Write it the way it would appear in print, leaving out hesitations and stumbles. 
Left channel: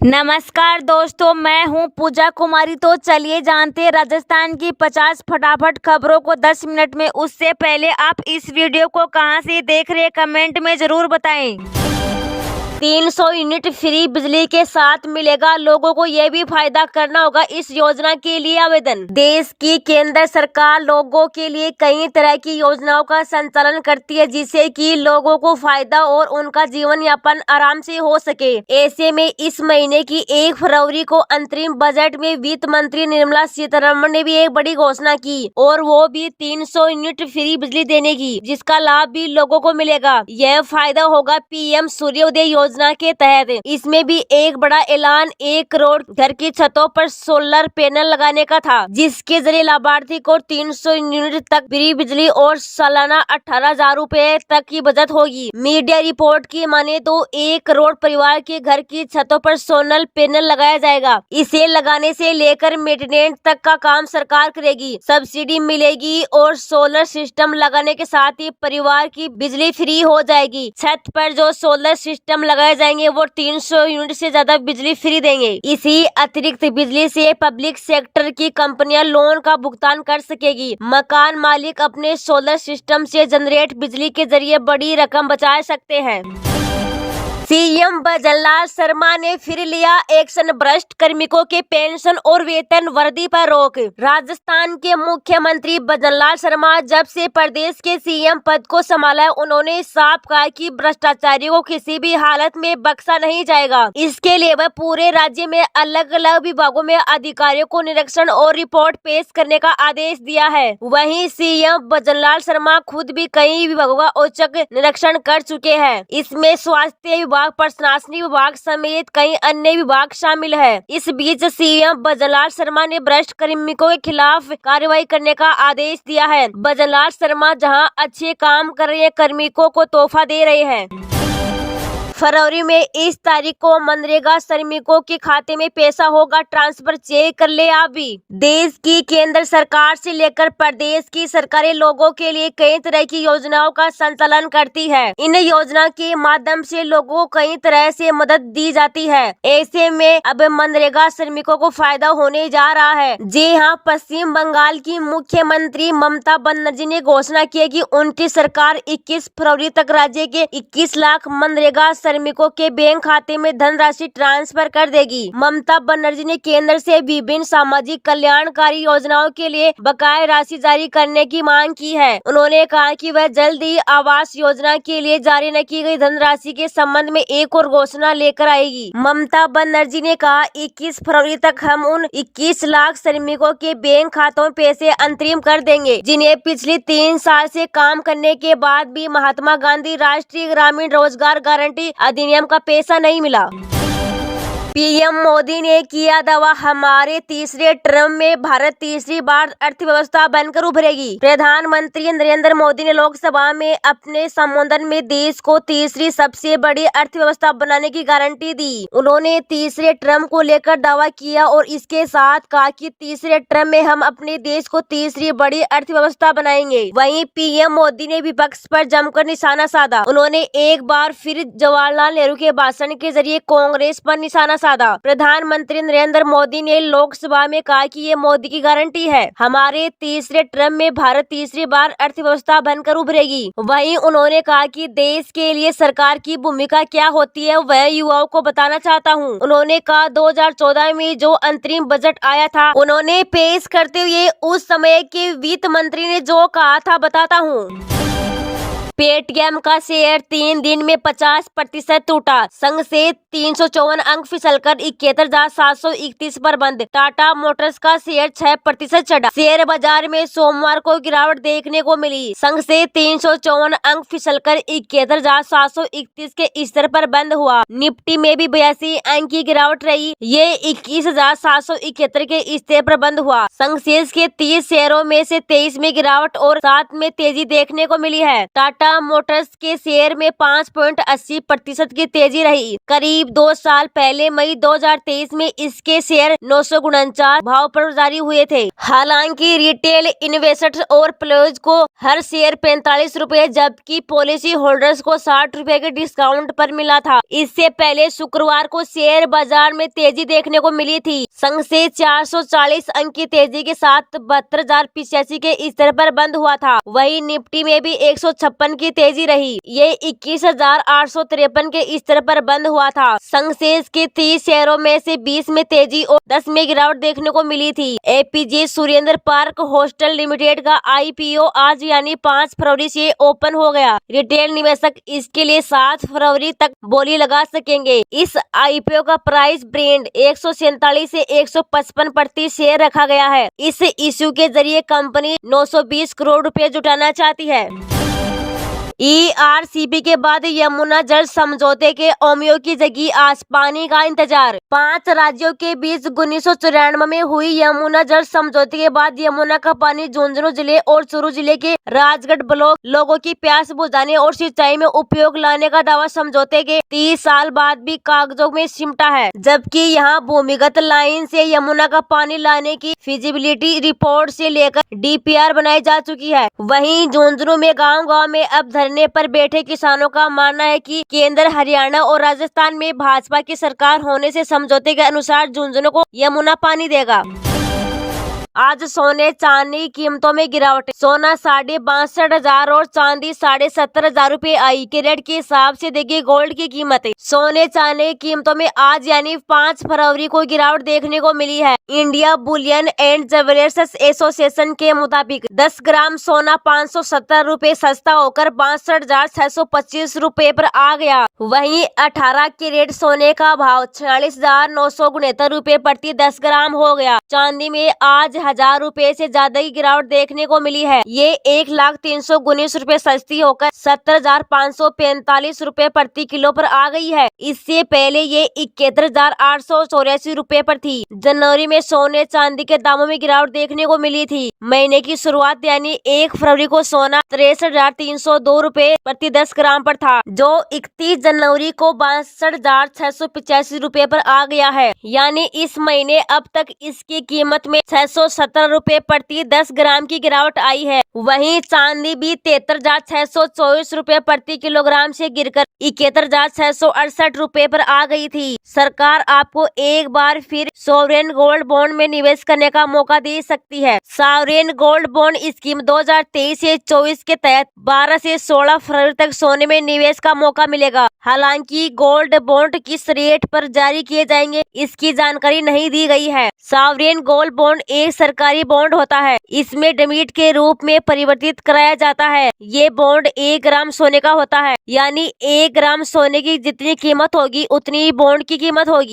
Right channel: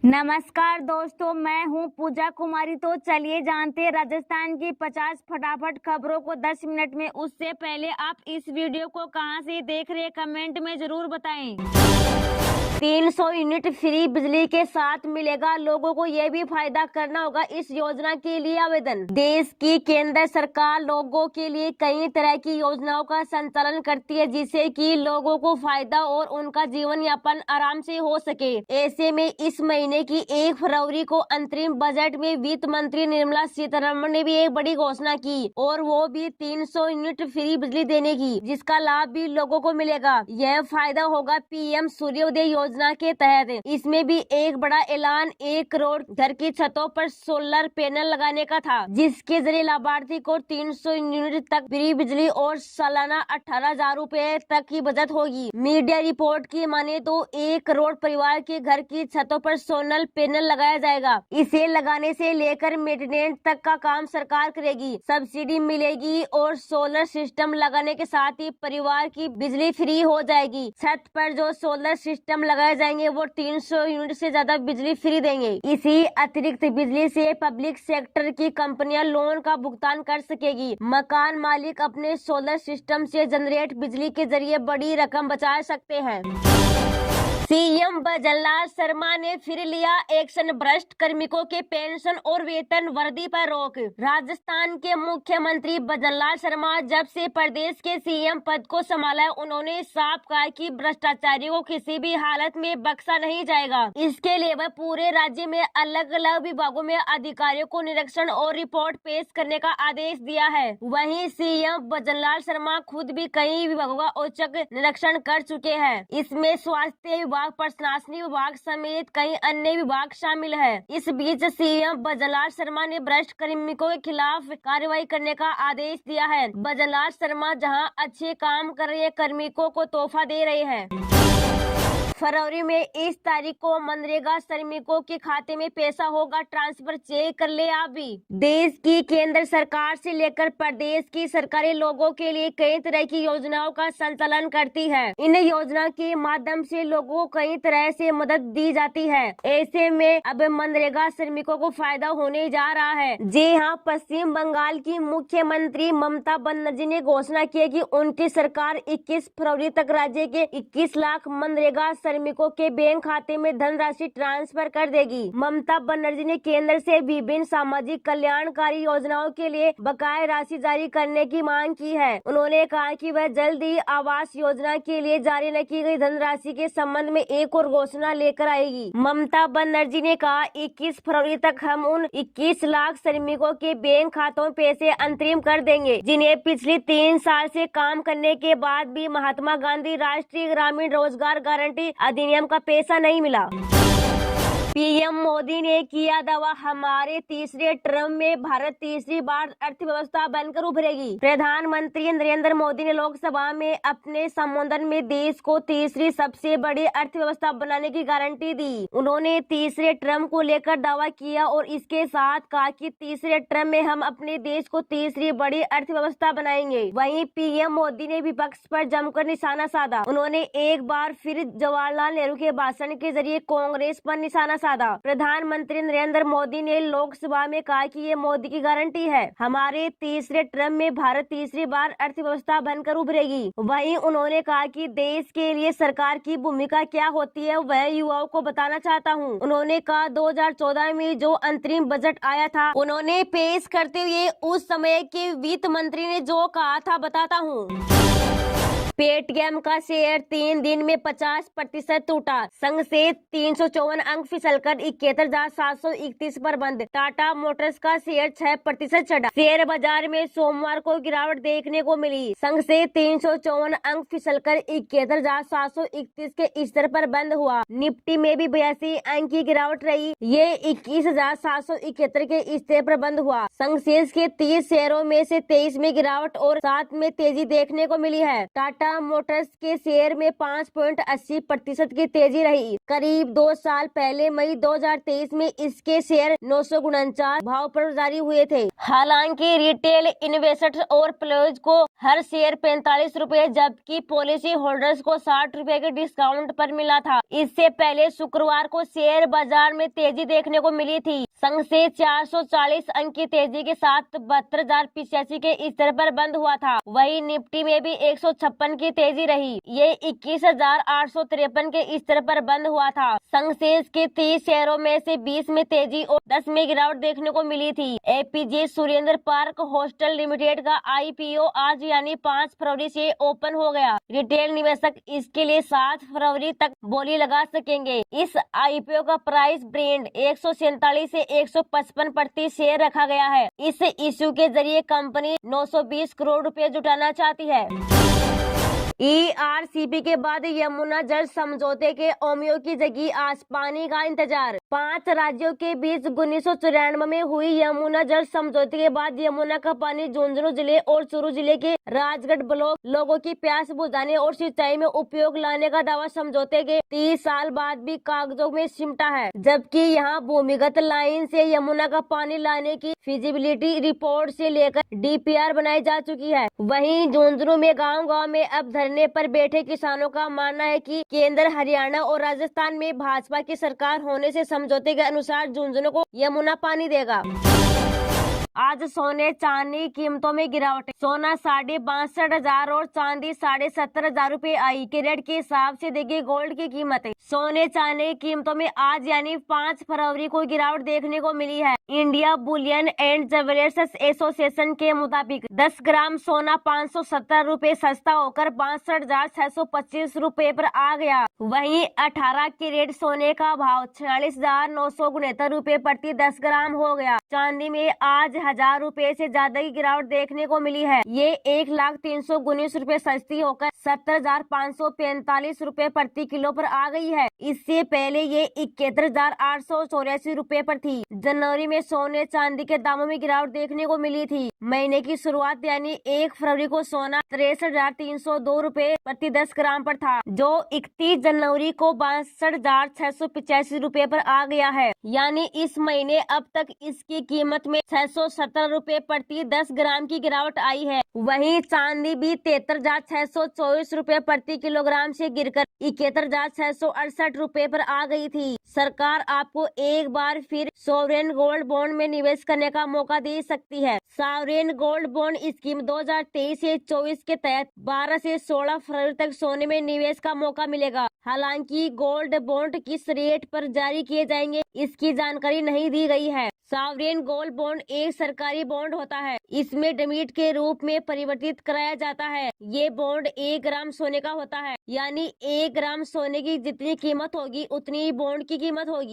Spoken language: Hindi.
नमस्कार दोस्तों, मैं हूं पूजा कुमारी। तो चलिए जानते हैं राजस्थान की 50 फटाफट खबरों को 10 मिनट में। उससे पहले आप इस वीडियो को कहां से देख रहे हैं कमेंट में जरूर बताएं। 300 यूनिट फ्री बिजली के साथ मिलेगा, लोगों को ये भी फायदा करना होगा। इस योजना के लिए आवेदन। देश की केंद्र सरकार लोगों के लिए कई तरह की योजनाओं का संचालन करती है, जिससे कि लोगों को फायदा और उनका जीवन यापन आराम से हो सके। ऐसे में इस महीने की 1 फरवरी को अंतरिम बजट में वित्त मंत्री निर्मला सीतारमण ने भी एक बड़ी घोषणा की, और वो भी 300 यूनिट फ्री बिजली देने की, जिसका लाभ भी लोगों को मिलेगा। यह फायदा होगा पीएम सूर्योदय योजना के तहत। इसमें भी एक बड़ा ऐलान 1 करोड़ घर की छतों पर सोलर पैनल लगाने का था, जिसके जरिए लाभार्थी को 300 यूनिट तक फ्री बिजली और सालाना 18,000 रूपए तक की बचत होगी। मीडिया रिपोर्ट की माने तो 1 करोड़ परिवार के घर की छतों पर सोलर पैनल लगाया जाएगा। इसे लगाने से लेकर मेंटेनेंस तक का काम सरकार करेगी, सब्सिडी मिलेगी और सोलर सिस्टम लगाने के साथ ही परिवार की बिजली फ्री हो जाएगी। छत पर जो सोलर सिस्टम लगाए जाएंगे वो 300 यूनिट से ज्यादा बिजली फ्री देंगे। इसी अतिरिक्त बिजली से पब्लिक सेक्टर की कंपनियां लोन का भुगतान कर सकेगी। मकान मालिक अपने सोलर सिस्टम से जनरेट बिजली के जरिए बड़ी रकम बचा सकते हैं। सीएम भजनलाल शर्मा ने फिर लिया एक्शन, भ्रष्ट कार्मिकों के पेंशन और वेतन वृद्धि पर रोक। राजस्थान के मुख्यमंत्री भजनलाल शर्मा जब से प्रदेश के सीएम पद को संभाला है, उन्होंने साफ कहा कि भ्रष्टाचारियों को किसी भी हालत में बख्शा नहीं जाएगा। इसके लिए वह पूरे राज्य में अलग अलग विभागों में अधिकारियों को निरीक्षण और रिपोर्ट पेश करने का आदेश दिया है। वहीं सीएम भजनलाल शर्मा खुद भी कई विभागों का औचक निरीक्षण कर चुके हैं। इसमें स्वास्थ्य विभाग, प्रशासनिक विभाग समेत कई अन्य विभाग शामिल है। इस बीच सीएम भजनलाल शर्मा ने भ्रष्ट कार्मिकों के खिलाफ कार्रवाई करने का आदेश दिया है। भजनलाल शर्मा जहां अच्छे काम कर रहे हैं, कार्मिकों को तोहफा दे रहे हैं। फरवरी में इस तारीख को मनरेगा श्रमिकों के खाते में पैसा होगा ट्रांसफर, चेक कर ले आप भी। देश की केंद्र सरकार से लेकर प्रदेश की सरकारें लोगों के लिए कई तरह की योजनाओं का संचालन करती है। इन योजना के माध्यम से लोगों को कई तरह से मदद दी जाती है। ऐसे में अब मनरेगा श्रमिकों को फायदा होने जा रहा है। जी हाँ, पश्चिम बंगाल की मुख्यमंत्री ममता बनर्जी ने घोषणा की है कि उनकी सरकार 21 फरवरी तक राज्य के 21 लाख मनरेगा श्रमिकों के बैंक खाते में धनराशि ट्रांसफर कर देगी। ममता बनर्जी ने केंद्र से विभिन्न सामाजिक कल्याणकारी योजनाओं के लिए बकाया राशि जारी करने की मांग की है। उन्होंने कहा कि वह जल्द ही आवास योजना के लिए जारी न की गई धनराशि के संबंध में एक और घोषणा लेकर आएगी। ममता बनर्जी ने कहा, 21 फरवरी तक हम उन 21 लाख श्रमिकों के बैंक खातों में पैसे अंतरिम कर देंगे, जिन्हें पिछले 3 साल से काम करने के बाद भी महात्मा गांधी राष्ट्रीय ग्रामीण रोजगार गारंटी अधिनियम का पैसा नहीं मिला। पीएम मोदी ने किया दावा, हमारे तीसरे टर्म में भारत तीसरी बार अर्थव्यवस्था बनकर उभरेगी। प्रधानमंत्री नरेंद्र मोदी ने लोकसभा में अपने संबोधन में देश को तीसरी सबसे बड़ी अर्थव्यवस्था बनाने की गारंटी दी। उन्होंने तीसरे टर्म को लेकर दावा किया और इसके साथ कहा कि तीसरे टर्म में हम अपने देश को तीसरी बड़ी अर्थव्यवस्था बनाएंगे। वहीं पीएम मोदी ने विपक्ष पर जमकर निशाना साधा। उन्होंने एक बार फिर जवाहरलाल नेहरू के भाषण के जरिए कांग्रेस पर निशाना साधा। प्रधानमंत्री नरेंद्र मोदी ने लोकसभा में कहा कि ये मोदी की गारंटी है, हमारे तीसरे टर्म में भारत तीसरी बार अर्थव्यवस्था बनकर उभरेगी। वहीं उन्होंने कहा कि देश के लिए सरकार की भूमिका क्या होती है वह युवाओं को बताना चाहता हूं। उन्होंने कहा, 2014 में जो अंतरिम बजट आया था, उन्होंने पेश करते हुए उस समय के वित्त मंत्री ने जो कहा था बताता हूँ। पेटीएम का शेयर 3 दिन में 50% टूटा। संघ से 354 अंक फिसलकर 71,731 पर बंद। टाटा मोटर्स का शेयर 6% चढ़ा। शेयर बाजार में सोमवार को गिरावट देखने को मिली। संघ से 354 अंक फिसलकर 71,731 के स्तर पर बंद हुआ। निफ्टी में भी 82 अंक की गिरावट रही। ये 21,771 के स्तर पर बंद हुआ। संसेक्स के 30 शेयरों में से 23 में गिरावट और 7 में तेजी देखने को मिली है। टाटा मोटर्स के शेयर में 5.80% की तेजी रही। करीब 2 साल पहले मई 2023 में इसके शेयर 949 भाव पर जारी हुए थे। हालांकि रिटेल इन्वेस्टर्स और प्लेयर्स को हर शेयर 45 रुपए, जबकि पॉलिसी होल्डर्स को 60 रुपए के डिस्काउंट पर मिला था। इससे पहले शुक्रवार को शेयर बाजार में तेजी देखने को मिली थी। सेंसेक्स 440 अंक की तेजी के साथ 72,085 के स्तर पर बंद हुआ था। वहीं निफ्टी में भी 156 की तेजी रही। ये 21,853 के स्तर पर बंद हुआ था। सेंसेक्स के 30 शेयरों में से 20 में तेजी और 10 में गिरावट देखने को मिली थी। APJ Surendra park hostel limited का आईपीओ आज यानी 5 फरवरी से ओपन हो गया। रिटेल निवेशक इसके लिए 7 फरवरी तक बोली लगा सकेंगे। इस आईपीओ का प्राइस ब्रेंड 147 से 155 प्रति शेयर रखा गया है। इस इश्यू के जरिए कंपनी 920 करोड़ रुपए जुटाना चाहती है। ईआरसीपी के बाद यमुना जल समझौते के ओमियो की जगी आज पानी का इंतजार। 5 राज्यों के बीच 1994 में हुई यमुना जल समझौते के बाद यमुना का पानी झुंझुनू जिले और चूरू जिले के राजगढ़ ब्लॉक लोगों की प्यास बुझाने और सिंचाई में उपयोग लाने का दावा समझौते के 30 साल बाद भी कागजों में सिमटा है। जबकि यहाँ भूमिगत लाइन से यमुना का पानी लाने की फिजिबिलिटी रिपोर्ट से लेकर डीपीआर बनाई जा चुकी है। वहीं झुंझुनू में गांव-गांव में अब धरने पर बैठे किसानों का मानना है कि केंद्र, हरियाणा और राजस्थान में भाजपा की सरकार होने से समझौते के अनुसार झुंझुनू को यमुना पानी देगा। आज सोने चांदी कीमतों में गिरावट। सोना 62,500 और चांदी 70,500 रुपए आई। कैरेट के हिसाब से देखिए गोल्ड की कीमत। सोने चांदी की कीमतों में आज यानी 5 फरवरी को गिरावट देखने को मिली है। India Boolean and jewellers association के मुताबिक 10 ग्राम सोना 570 रुपए सस्ता होकर 62,625 रुपए पर आ गया। वहीं 18 कैरेट सोने का भाव 46,969 रुपए प्रति 10 ग्राम हो गया। चांदी में आज 1,000 रुपए से ज्यादा की गिरावट देखने को मिली है। ये 1,319 रुपए सस्ती होकर 70,545 रुपए प्रति किलो पर आ गई है। इससे पहले ये 71,884 रुपए पर थी। जनवरी में सोने चांदी के दामों में गिरावट देखने को मिली थी। महीने की शुरुआत यानी 1 फरवरी को सोना 63,302 रुपए प्रति 10 ग्राम पर था, जो 31 जनवरी को 62,685 रुपए पर आ गया है। यानी इस महीने अब तक इसकी कीमत में 617 रुपए प्रति 10 ग्राम की गिरावट आई है। वहीं चांदी भी 73,624 रुपए प्रति किलोग्राम से गिरकर 71,668 रुपए पर आ गई थी। सरकार आपको एक बार फिर सॉवरेन गोल्ड बॉन्ड में निवेश करने का मौका दे सकती है। सॉवरेन गोल्ड बॉन्ड स्कीम 2023 से 24 के तहत 12 से 16 फरवरी तक सोने में निवेश का मौका मिलेगा। हालांकि गोल्ड बॉन्ड किस रेट पर जारी किए जाएंगे इसकी जानकारी नहीं दी गई है। सॉवरेन गोल्ड बॉन्ड एक सरकारी बॉन्ड होता है। इसमें डिमिट के रूप में परिवर्तित कराया जाता है। ये बॉन्ड 1 ग्राम सोने का होता है, यानी 1 ग्राम सोने की जितनी कीमत होगी उतनी ही बॉन्ड की कीमत होगी।